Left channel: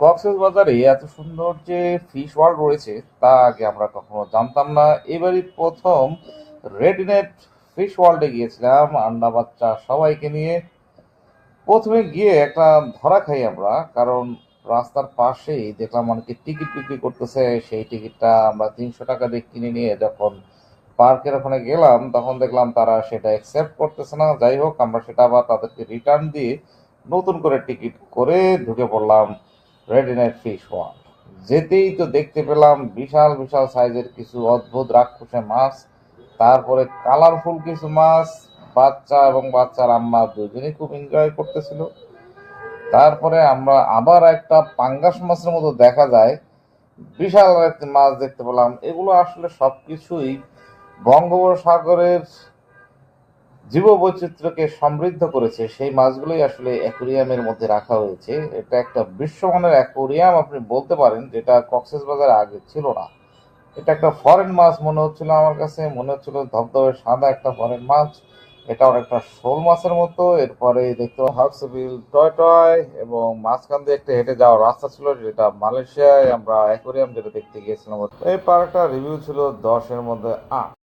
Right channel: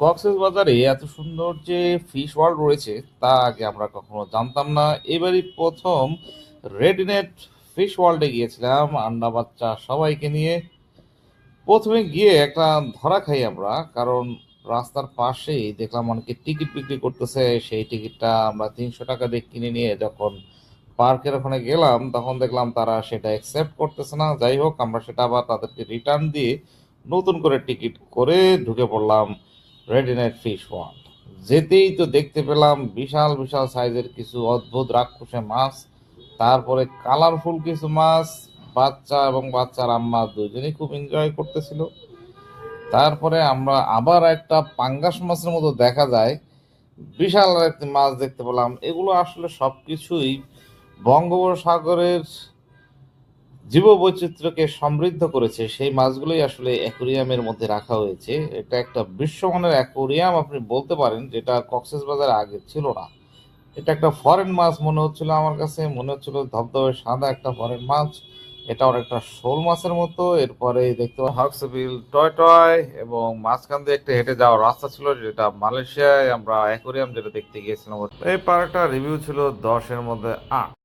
কক্সবাজারে এত সুন্দর যে ফিশ ওয়ার্ল্ড রয়েছে তা আগে আমরা কখনো জানতাম না। এবারই প্রথম রেডিনেট ফিশ ওয়ার্ল্ডে গিয়েছিলাম আন্ডা বাচ্চা সবাইকে নিয়ে। প্রথমে গিয়ে একটা ধরা খাই আমরা, কারণ রাস্তার পাশেই দেখলাম অনেকে টিকিট বিক্রি করতেছে। সেই টিকিটটা আমরা 300 টাকা দিয়ে কিনে নিয়ে যখন পার্কের ওখানে গেলাম তখন দেখলাম তারা সেটা অ্যাকসেপ্ট করতেছে না। যাই হোক, আমরা সেটা আবার তাদেরকে রিটার্ন দিয়ে নতুন করে টিকিট করে ঢুকে পড়লাম রেডিনেট ফিশ ওয়ার্ল্ড। যেতেই তো দেখতে পেলাম বিশাল বিশাল সাইজের কিছু অদ্ভুত রাক্ষসে মাছ, তারপরে কালারফুল কিছু মাছ। বাচ্চা এবং বাচ্চার আম্মা দুজনেই খুব এনজয় করতেছিল। তারপরে আমরা আবার একটা পাঙ্গাস মাছের মতো দেখা যায় বিশাল একটি মাছ দেখতে পেলাম। এগুলো আসলে সবকিছুই বঙ্গোপসাগরের জীববৈচিত্র্যকে সমৃদ্ধ করেছে। সেই মাছগুলোই আসলে অ্যাকুরিয়ামের মধ্যে রাখা হয়েছে। এটা একটা বিশ্বমানের অ্যাকুরিয়াম আপনি বলতে পারেন, যেটা কক্সবাজারে আগে ছিল না। এটা একটা ফরেন মাছ মনে হচ্ছিল, আমার কাছে মনে হচ্ছিল ধবধবে সাদা একটা ফরেন মাছ। এটা অনেকটা শোল মাছের মতো। এরপরে দেখতে হক্সবিল টয় টয় এবং মাঝখান দিয়ে একটা হেঁটে যাওয়ার রাস্তা ছিল, যেটা মালয়েশিয়ায় আমরা অ্যাকোরিয়াম যেটা দেখতে গিয়েছিলাম। এই পার্কটা রিভিউ ছিল 10-এর মধ্যে 8।